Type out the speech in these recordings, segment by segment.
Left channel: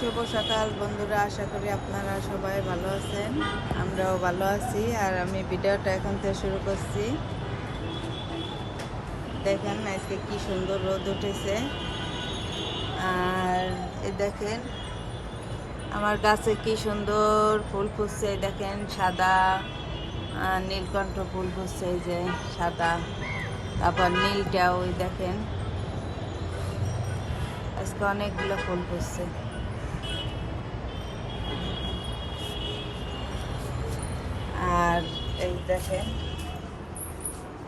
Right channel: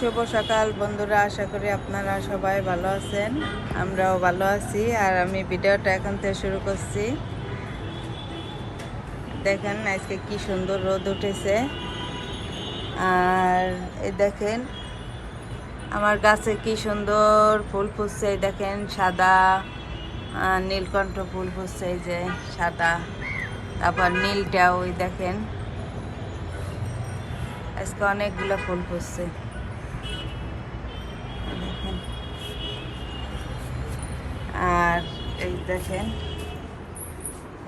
শুভ সকাল বন্ধুরা, আশা করি আপনারা সবাই ভালো আছেন। আমরাও ভালো আছি। আর আমি ভিডিওটা এখন থেকে শুরু করছি। দেখেন আজকে কি সুন্দর রোদ উঠেছে। আর এই দেখেন আমার গাছে কি সুন্দর ফুল ফুটছে। এই দেখেন সাদা নীলকণ্ঠ ফুল ফুটছে, এই যে সাদা, তারপর নীলটাও ওই দেখেন আজকে অনেকগুলো ফুল ফুটছে। আর এই দেখেন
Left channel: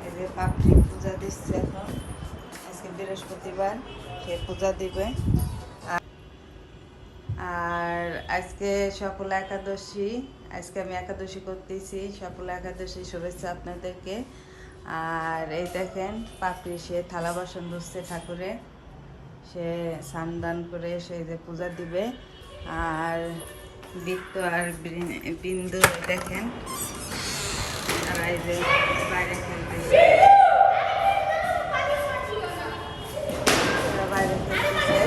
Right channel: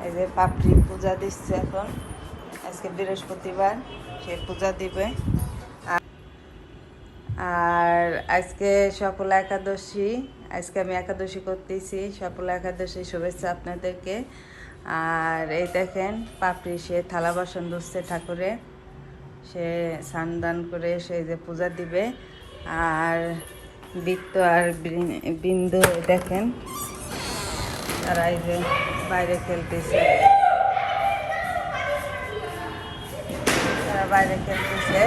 এই যে পাপড়ি পূজা দিচ্ছে এখন, আজকে বৃহস্পতিবার, সে পূজা দিবে। আর আজকে সফলা একাদশী, আজকে আমি একাদশী করতেছি। সফলা একাদশী শুভেচ্ছা আপনাদেরকে। আর এই দেখেন পাপড়ি সে থালা বাসন ধুচ্ছে ঠাকুরের, সে স্নান করে সে যে পূজা দিবে। আর বৃত্ত আর বিন্দু দেখেন তারা এই যে বাইরে খেলতেছে, তারা বাইরে খেলতেছে।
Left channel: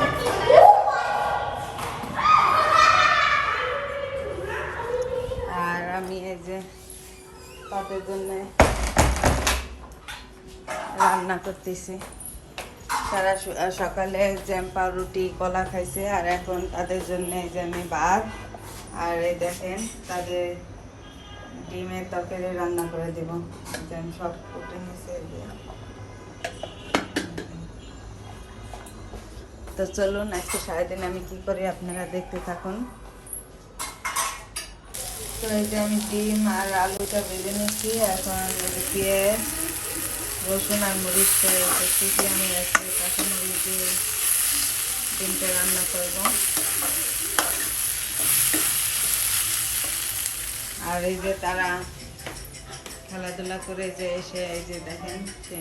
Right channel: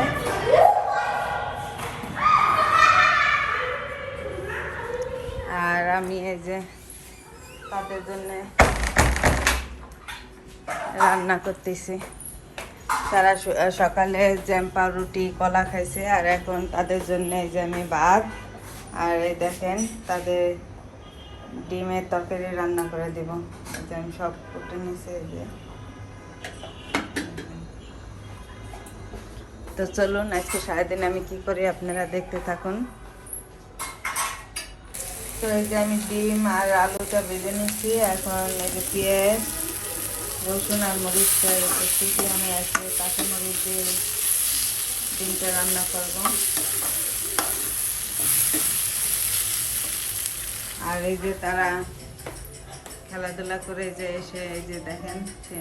আর আমি এই যে তাদের জন্য রান্না করতেছি। তারা সকালে জ্যাম পাউরুটি কলা খাইছে, আর এখন তাদের জন্য এই যে আমি ভাত আর এই দেখেন তাদের ডিমের তরকারি রান্না করে দেব। আমি সব কুটে নিয়েছি এই যে। তো চলুন আজকে সারাদিন আমি কি করি আপনারা দেখতে থাকুন। তো এই যে আমি ডিম আর আলুটা ভেজে নিচ্ছি। এখন পেঁয়াজ রসুন আর মরিচটা করতেছি। আমি আজকে কাঁচামরিচ দিয়ে ডিমটা রান্না করব। আর এই যে তারা খেলাধুলা করে যে এসে এই যে দেখেন সে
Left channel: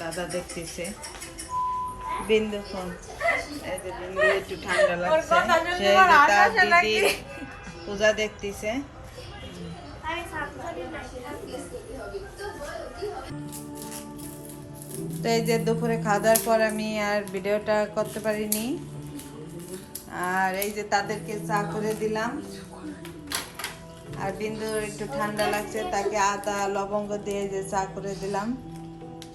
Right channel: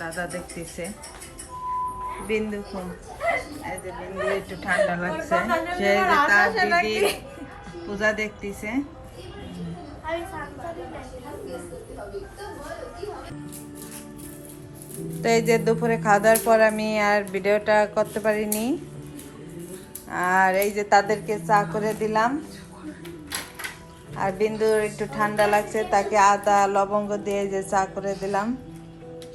দাদা দেখতেছে। বিন্দু ফোন, এই যে বিন্দু একটু ঠান্ডা লাগছে, সে তার দিদি পূজা দেখতেছে। তো এই যে দুপুরে খাওয়া দাওয়ার পর আমি আর ভিডিওটা করতে পারিনি। আর এই যে তাদেরকে চা করে দিলাম। আর বিন্দুর একটু ঠান্ডা লাগছে, তাকে আদা লবঙ্গ দিয়ে যে চা করে দিলাম,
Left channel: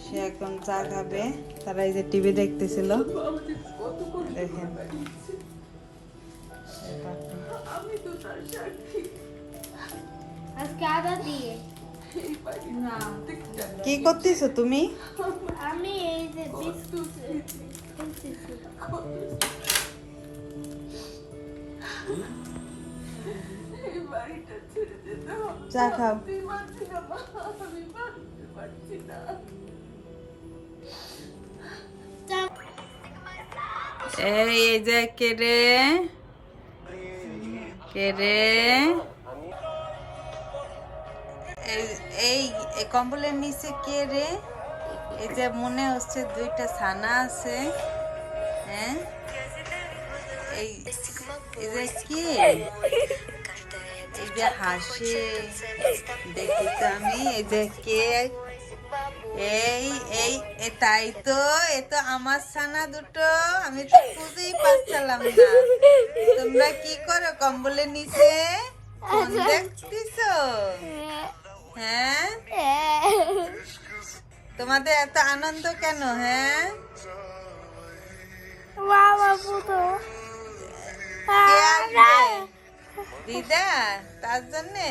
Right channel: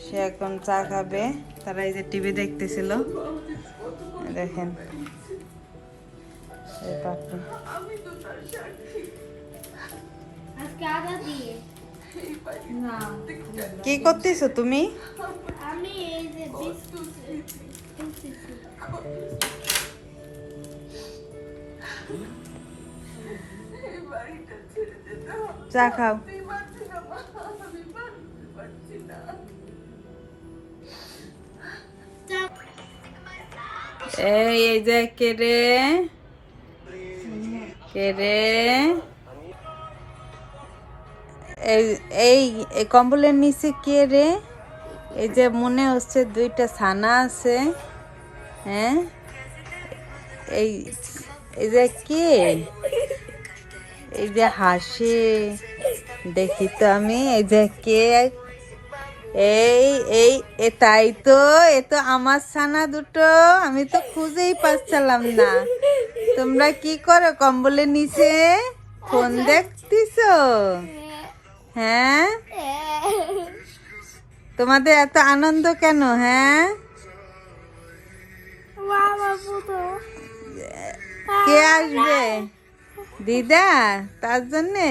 সে এখন চা খাবে। তারা এই যে টিভি দেখতেছিল, দেখেন কি করতেছো তুমি? আমি এই যে বিস্কুট চা খাও। এই যে কে রে, কে রে? এই এই কম্বলের নিচে কে রে? এই যে মনে হচ্ছে দুইটা ছানা আছে। হ্যাঁ, এই এই যে কে? এই যে হাসি দেখি তো আমি। এই যে কে? এই এই এটাই তো, এ তো আমার ছানা দুটো। আমি তো খুঁজেই পাচ্ছিলাম না। তোমরা কি করো কম্বলের নিচে? ফোন দেখতেছো? হ্যাঁ, তোমাদের এত আনন্দ কেন? হ্যাঁ, কে আসবে? দিদা, তার জন্যে।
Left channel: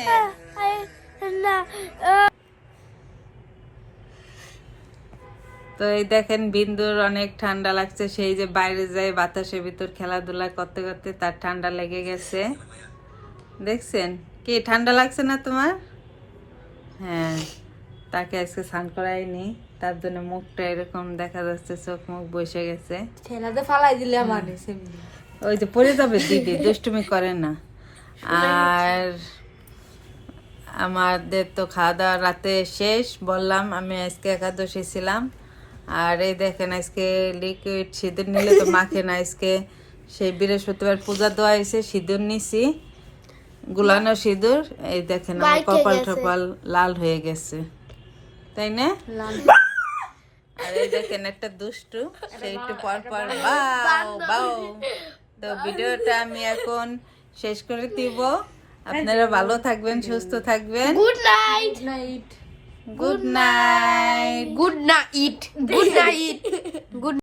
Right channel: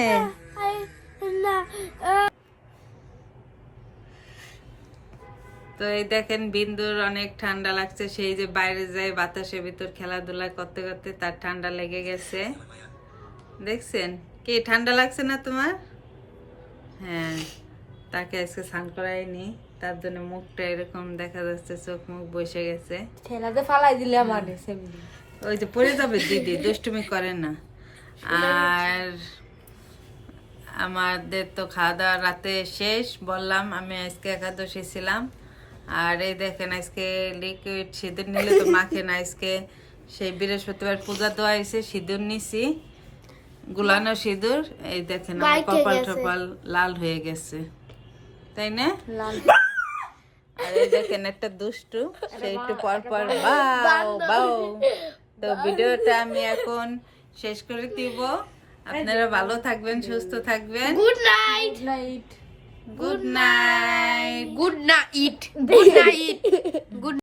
তো এই দেখেন বিন্দুর অনেক ঠান্ডা লাগছে, সেই যে বাইরে যায় বাতাসের ভিতর খেলাধুলা করতে করতে তার ঠান্ডা লেগে গেছে। দেখছেন কি ঠান্ডা লাগছে না তোমার? হ্যাঁ, তাকে আজকে স্নান করাইনি, তার জন্য মুখটা এরকম দেখা যাচ্ছে, চোখ মুখ বসে গেছে। খেলাতে ফালাই দিলে মানুষ ওই যে পড়ে যাবে দিদি, দুষ্টুমি করে না। আর আমাদের তো খাওয়া দাওয়া রাতে শেষ, বললাম আমি আজকে একাদশী ছিলাম। আর এই দেখেন আজকে লিকুইড সিঁদুর নিলে তো মাখে না, আজকে সেই বৃহস্পতিবার পূজা দেওয়া হয়েছে, সিঁদুর নিছি, গুলানো সিঁদুর। এই দেখেন আমার কপাল টপাল লাল হয়ে গেছে, তাই না? আর এই দেখেন একটা দুষ্টু, সে একটু পর পর বাও বাও তো ভিডিওটা আমি এখন শেষ করে দিব। আপনারা ভালো থাকবেন, সুস্থ থাকবেন। Good night good night. Good night. Good night.